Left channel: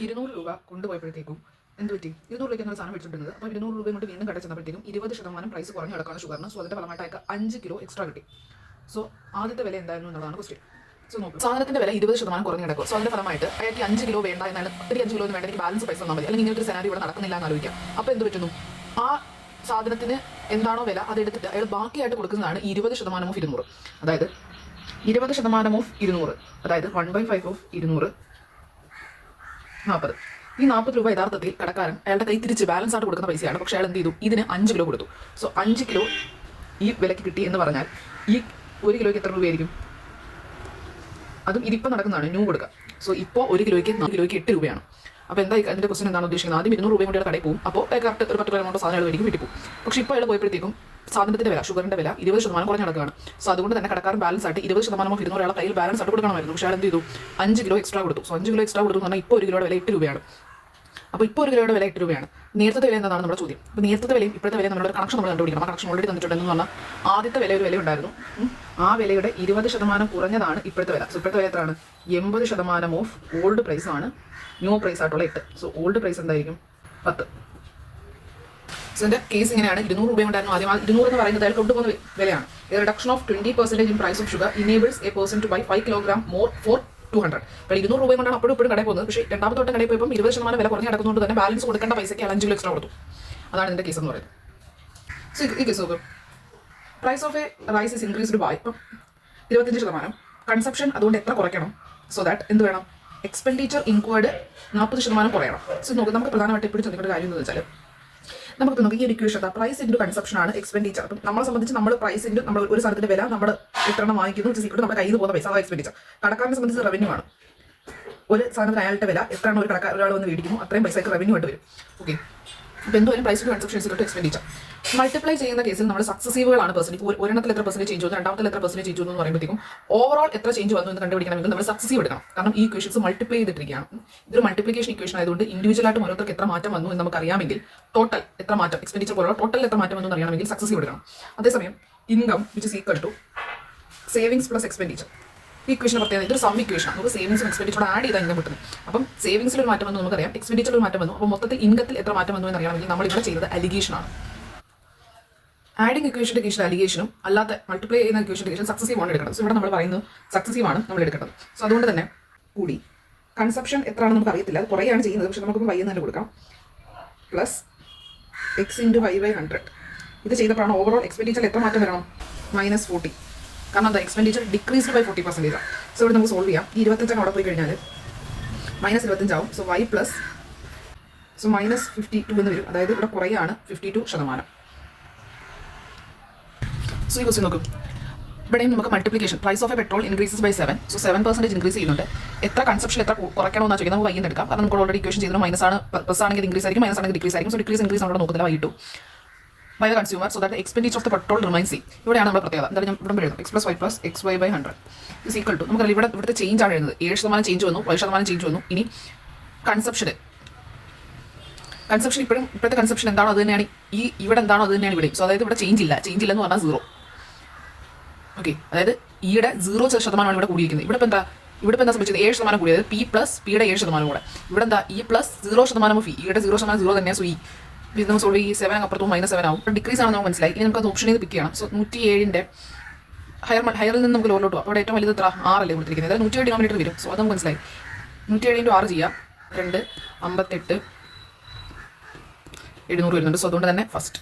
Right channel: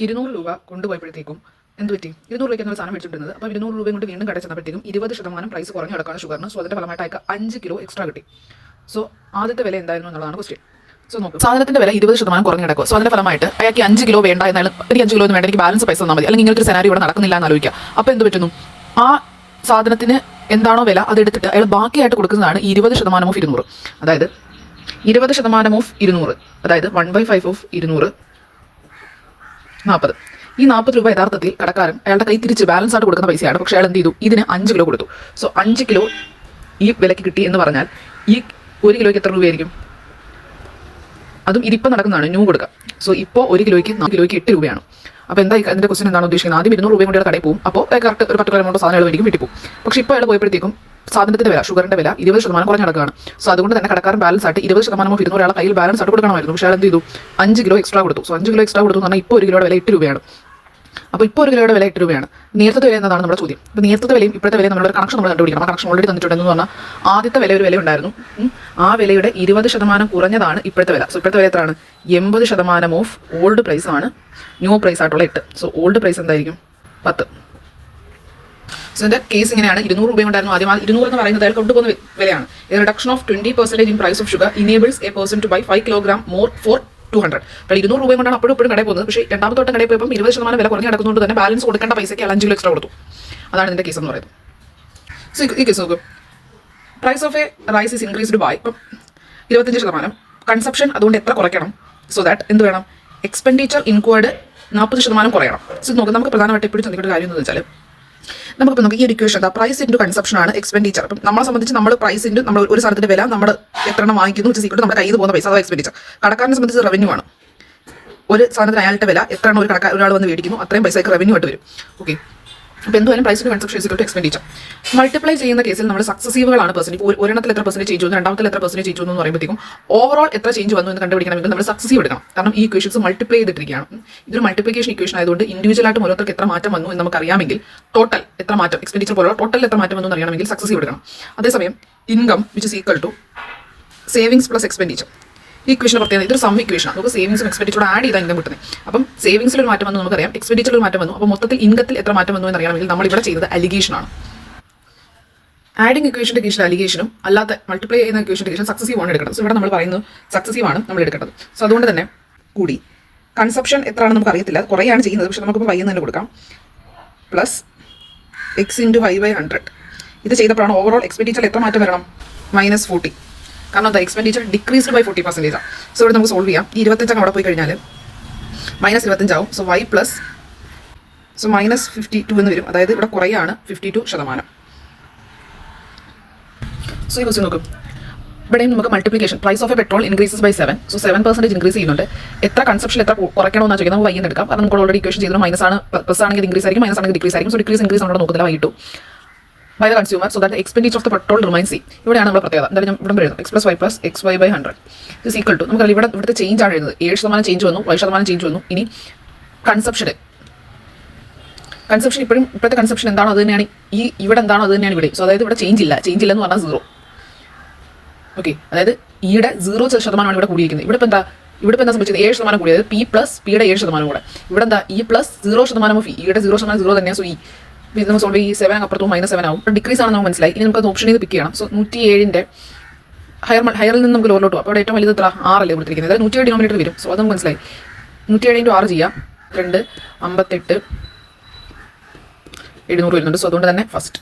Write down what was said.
200 രൂപ കൊണ്ടുപോയപ്പോഴത്തേക്കും എന്ത് പറ്റി? 200 രൂപയ്ക്ക് നമ്മൾ സാധനം വെച്ചിട്ടുള്ളത്. അപ്പോൾ 200 രൂപയും കൊണ്ട് വീണ്ടും കടയിൽ ചെന്നപ്പോഴത്തേക്കും 20% പ്രൈസ് കുറഞ്ഞു കിടക്കുകയാണ് ഷുഗറിന്. സോ അതിൻ്റെ ഫലമായിട്ട് അയക്ക് 5 കിലോ എക്സ്ട്രാ കിട്ടി. സോ ആദ്യത്തെ വില എന്തായിരുന്നു എന്നുള്ളതാണ് ക്വസ്റ്റ്യൻ. സോ നോക്കും, സാധനത്തിന്റെ വില 20% കുറഞ്ഞു കിടക്കുക. സോ അതിന്റെ ഫലമായിട്ട് അയാൾക്ക് 5 കിലോ വേണ്ട എന്നാലും എനിക്ക് 5 കിലോ ഒന്നും വേണ്ട, എനിക്ക് ബാലൻസ് പൈസ തന്നാൽ മതി, അല്ലെങ്കിൽ ഇങ്ങനത്തെ ഒരു സെനാരി ഇവിടെ നടക്കുന്നില്ല എന്ന് ആലോചിക്കുക. അപ്പോൾ എന്ത് പറ്റുന്നു? ആ സാധനത്തിന് എന്താണോ വില അതെടുത്തിട്ട് അയാൾ ബാക്കിയായിട്ട് കൊടുക്കുന്നതാണ് 20% ഓഫ് 200. അതായത് 20% ഓഫ് 200, അതായത് 1/5 ഓഫ് 200 40. ഈ 40 രൂപ യഥാർത്ഥത്തിൽ കടക്കാരൻ അയാളുടെ കൈ തിരിച്ച് ബാലൻസ് ആയിട്ട് കൊടുക്കുന്ന പൈസയാണ്. പക്ഷേ അയാൾ എന്ത് ചെയ്തു? ഇതിന് 5 കിലോ കൊടുത്തു. സോ 5 കിലോ ഈ വിലയ്ക്ക് കിട്ടി എന്ന് പറഞ്ഞാൽ ഈ 1 കിലോയ്ക്ക് എത്ര രൂപയായിരിക്കും? അതും ഇതിപ്പോൾ നടക്കുന്നതാണ്, ന്യൂ കൊടുക്കുക. സോ ഇപ്പോൾ 1 കിലോയ്ക്ക് 4 കിലോയ്ക്ക് 8 രൂപയാണ്. അപ്പോൾ എന്താ അതിൻ്റെ ക്വസ്റ്റൻ എന്താണ് ഉദ്ദേശിക്കുന്നത്? ആദ്യം 200 രൂപയും കൊണ്ട് കടയിൽ പോകും, അപ്പോൾ കറക്റ്റ് ഒരു 10 എമൗണ്ട് സാധനങ്ങൾ മേടിക്കും, വീട്ടിൽ പോകും. പക്ഷേ ഇപ്പോൾ അയാൾ പോയപ്പോഴത്തേക്കും സാധനത്തിന്റെ വില, ഷുഗറിന്റെ വില 20% കുറഞ്ഞ് നടക്കുകയാണ്. സോ അതുകൊണ്ട് തന്നെ കടക്കാരൻ ബാലൻസ് ആയിട്ട് 20% ഓഫ് 200 അയാളെ കയ്യിൽ ബാലൻസ് ആയിട്ട് കൊടുക്കണമായിരുന്നു. പക്ഷേ അയാൾ എന്ത് ചെയ്തു? 5 കിലോ എക്സ്ട്രാ കൊടുത്തു. സോ 5 കിലോ എക്സ്ട്രാ കൊടുത്തു എന്ന് പറഞ്ഞാൽ ഇപ്പോൾ 1 കിലോയുടെ വില 8 രൂപയാണ്. അപ്പോൾ ഇപ്പോൾ 1 കിലോയുടെ വില 8 രൂപയാണ്. നേരത്തെ വില എന്നതാണ് നമ്മുടെ ചോദ്യം. അപ്പോൾ നേരത്തെ വിലയും ഇപ്പോഴത്തെ വിലയും നമ്മളൊരു കണക്ഷൻ നമ്മൾ കണ്ടുപിടിക്കണം. ആ കണക്ഷൻ ഓൾറെഡി തന്നിട്ടുണ്ടെന്ന് പറഞ്ഞാൽ ആദ്യത്തെ വില ഒരു വില ഉണ്ടായിരുന്നു. ആ വിലയുടെ 20% കുറഞ്ഞതാണ് ഇപ്പോഴത്തെ വില. സോ ഇപ്പോഴത്തെ വില എത്രയാണ്? 80% ഓഫ് ഓൾഡ് പ്രൈസ് ആണ് ന്യൂ പ്രൈസ് ആയിട്ടുള്ള 8. സോ ഓൾഡ് പ്രൈസ് എന്തായിരിക്കും? 10. സോ ഇതിന്റെ കേസ് ഇങ്ങനെയാണ്. 200 രൂപയുണ്ടായിരുന്നു ആദ്യം. 200 എന്ന് പറയുന്നത് അയാൾ കൊണ്ടുപോകുന്ന വിലയാണ്. Reduction of 20% in price of sugar enables a person to buy 5 kilogram more for 200. അപ്പോൾ 200 രൂപയും കൊണ്ടാണ് അപ്പോഴും കടയിൽ പോകുന്നത്. പക്ഷേ രണ്ടാമത്തെ വട്ടം കടയിൽ പോയപ്പോൾ 20% വില കുറഞ്ഞ് കിടക്കുന്നതുകൊണ്ട് തന്നെ ബാലൻസ് കൊടുക്കേണ്ട പൈസയ്ക്ക് 5 കിലോ എക്സ്ട്രാ കൊടുത്തു. അതാണ് ഇതിന്റെ കേസ് എന്ന് പറയുന്നത്. സോ ഈ കേസ് നോക്കും, price of a rice is increased by 25%. Consumption അതുകൊണ്ട് എത്ര കുറയ്ക്കണം? സോ ദാറ്റ് എന്ത് വേണം? Expenditure incurred 40% കുറയണം. സോ നോക്കാം, നമുക്ക് പ്രധാനമായിട്ട് എപ്പോഴും ചിന്തിക്കേണ്ട കാര്യം എന്ന് വെച്ചാൽ നമുക്കിപ്പോൾ നമുക്ക് ഈ ഒരു ഇക്വേഷൻ പ്രൈസ് ഇൻറ്റു കൺസപ്ഷൻ ആണ് എക്സ്പെൻഡിച്ചർ. അപ്പം നമ്മളെ സംബന്ധിച്ച് നമ്മൾ പ്രൈസ് ഇൻറ്റു നമ്മൾ ഒരു സാധനത്തിന്റെ വില നമ്മൾ എത്ര എണ്ണം വാങ്ങിക്കുന്നു വെച്ച് സീക്രട്ട് നമ്മുടെ കയ്യിൽ നിന്ന് പോകുന്ന പൈസ, അഥവാ എക്സ്പെൻഡിച്ചർ. കടക്കാരനെ സംബന്ധിച്ച് റവന്യൂ ആണ്. ഒരു സാധനത്തിന് അയാളുടെ വില എത്ര എണ്ണം ഒരാൾ വന്ന് മേടിക്കുന്നു അത്രയും പൈസയ്ക്ക് റവന്യൂ ആയിട്ട് വരും. ഓക്കെ, അപ്പോൾ എന്തുവായാലും price to consumption equal to expenditure. Multiply ചെയ്യുന്ന കേസിൽ നമ്മൾ സക്സസീവുകളാണ് പെർസെൻറ്റ്. ഇപ്പോൾ ഒരെണ്ണത്തിൽ എത്ര പെർസെൻറ്റ് ചേഞ്ച് വന്നു, രണ്ടാമത്തിൽ എത്ര പെർസെൻറ്റ് ചേഞ്ച് വന്നു എന്ന് പറയുമ്പോഴത്തേക്കും ഓവറോൾ എത്ര ചേഞ്ച് വന്നു എന്ന് കണ്ടുപിടിക്കണമെങ്കിൽ നമ്മൾ സക്സസീവ് എടുക്കണം. കാരണം ഈ ഇക്വേഷൻസ് മൾട്ടിപ്ലൈ ചെയ്തിട്ടിരിക്കുകയാണ്. ഇതൊരു മൾട്ടിപ്ലിക്കേഷൻ ഇക്വേഷൻ ആയതുകൊണ്ട് ഇൻഡിവിജ്വലായിട്ട് ഓരോരുത്തർക്ക് എത്ര മാറ്റം വന്നു എന്ന് നമുക്ക് അറിയാമെങ്കിൽ ടോട്ടൽ എത്ര മാറ്റം, എക്സ്പെൻഡിച്ചർ പോലെ ടോട്ടൽ എത്ര മാറ്റം വന്നു എന്ന് അറിയണമെങ്കിൽ സക്സസീവ് എടുക്കണം. അതേസമയം income which is equal to savings plus expenditure. ഈ ഇക്വേഷൻ പ്രത്യേകത ഇതൊരു സം ഇക്വേഷൻ. നമുക്ക് സേവിങ്സും എക്സ്പെൻഡിച്ചറും ആഡ് ചെയ്താൽ ഇൻകം കിട്ടുന്നത്. അപ്പം സേവിങ്സിൽ ഒരു മാറ്റം വന്നു നമുക്കറിയാം, എക്സ്പെൻഡിച്ചറിൽ ഒരു മാറ്റം വന്നു. അപ്പോൾ മൊത്തത്തിൽ ഇൻകത്തിൽ എത്ര മാറ്റം വന്നു എന്ന് അറിയണമെങ്കിൽ നമ്മൾ ഇവിടെ ചെയ്തത് അലിഗേഷൻ ആണ്. ആഡിങ് ഇക്വേഷൻ്റെ കേസിൽ അലിഗേഷനും അല്ലാത്ത മൾട്ടിപ്ലൈ ചെയ്യുന്ന ഇക്വേഷൻ്റെ കേസിൽ സക്സസീവ് ആണ് എടുക്കേണ്ടത്. സോ ഇവിടെ നമ്മൾ പറയുന്നത് സക്സസീവ് ആണ് നമ്മൾ എടുക്കേണ്ടത്. സോ അതുകൊണ്ട് തന്നെ കൂടി കൺസപ്ഷൻ എത്രയാണെന്ന് നമുക്ക് അറിയത്തില്ല, കുറേയാണ് ചെയ്യുന്നത്. പക്ഷേ നമുക്കിപ്പോൾ വൈകുന്നേരം തന്നെ കൊടുക്കാം. Plus X into 5/100. ഇത് ചെയ്തപ്പോഴാണ് ഓവറോൾ എക്സ്പെൻഡിച്ചർ എത്ര മാറ്റം വരണം? -40. കാരണം എന്താ? Expenditure decreased by 40%. സോ ഇവിടെ നമുക്ക് സോൾവ് ചെയ്യാം. ഈ 25 അവിടെ പോയി കഴിഞ്ഞാൽ -25 ആവും. സോ y പ്ലസ് -52 എന്ന് വരും. അതായത് ഇവിടെ കുറയാണ് 52%. സോ ഈ ക്വസ്റ്റ്യൻ നോക്കും, ഇവിടെയും നമുക്ക് multiplication price of a petrol increases by 7. So 7% increase ചെയ്യുന്നുണ്ട്. എത്ര കൺസപ്ഷൻ എത്ര കുറയ്ക്കണമെന്നാണ് ചോദിക്കുന്നത്. നമുക്ക് വൈകുന്നേരം എടുക്കാം. കാരണം നമുക്ക് ഓൾറെഡി ഇക്വേഷൻ ചെയ്തത് മൈനസ് ആണ്, പ്ലസ് ആണെങ്കിൽ ഇൻക്രീസ് ആയിരിക്കും, മൈനസ് ആണെങ്കിൽ ഡിക്രീസ് ആയിരിക്കും. സോ ഡിക്രീസ് ഇൻക്രീസ് നമ്മൾ നോക്കുന്നില്ല, വൈകിട്ടു by the consumer so that the expenditure of the petrol remains same. ഇവിടെയാണ് നമ്മുടെ പ്രത്യേകത. എന്തായാലും ഞാൻ ഇവിടെ എഴുതും x plus y plus xy/100 is equal to നമുക്ക് ഇവിടുത്തെ ചേഞ്ച് ആണ് എഴുതുന്നത്. 7% ചേഞ്ച് വന്നു, 5% ചേഞ്ച് വന്നു. ഇനി കൺസപ്ഷൻ ഇപ്പോഴും ഇപ്പോഴത്തെ കൺസപ്ഷൻ എന്താണോ അത് തന്നെയാണ് ഇവിടെ എന്താണോ അത് തന്നെയാണ് ഇവിടെ. സോ അതായത് ഇവിടെ ചേഞ്ച് ഇല്ല എന്ന് പറഞ്ഞാൽ 0. ഓക്കെ, അതായത് ഈയുടെ 0% ഇവിടെ കൂടിയിരിക്കുന്നത്. ഇവിടെ ഇപ്പോൾ എന്താ സംഭവിച്ചത്? 7% കൂടിയത് പി പ്ലസ് പിയുടെ 7% കൂടെ. ഇവിടെ എന്താ ഈ പ്ലസ് 0% ഓഫ് ഈയുടെ 0% 0 തന്നെയാണ്. സോ ഇത് നമുക്ക് സോൾവ് ഈ 7 അപ്പുറത്തും -7 ആവും. ഡിക്രീസ് ആണ് നമുക്ക് മനസ്സിലായി. ഇനി നമുക്ക് അത് ഓപ്ഷൻ ചെയ്ത് പിക്ക് ചെയ്യണം. സോ 107ന്റെ ഹയറിൽ നിന്ന് നമുക്ക് ലോറിലോട്ട് പോകും. അപ്പോൾ അവിടെ ഏറ്റവും വലുത് 6 അല്ലേ കൊടുത്തിരിക്കുന്നത്. അതായത് 107 ഡിനോമിനേറ്റർ വരും. സോ അത് നമുക്ക് മനസ്സിലായി. 107 × 6 ചെയ്യാം. 2 58 700 വരുന്നുണ്ട്. സോ അതുകൊണ്ട് തന്നെ ഫസ്റ്റ്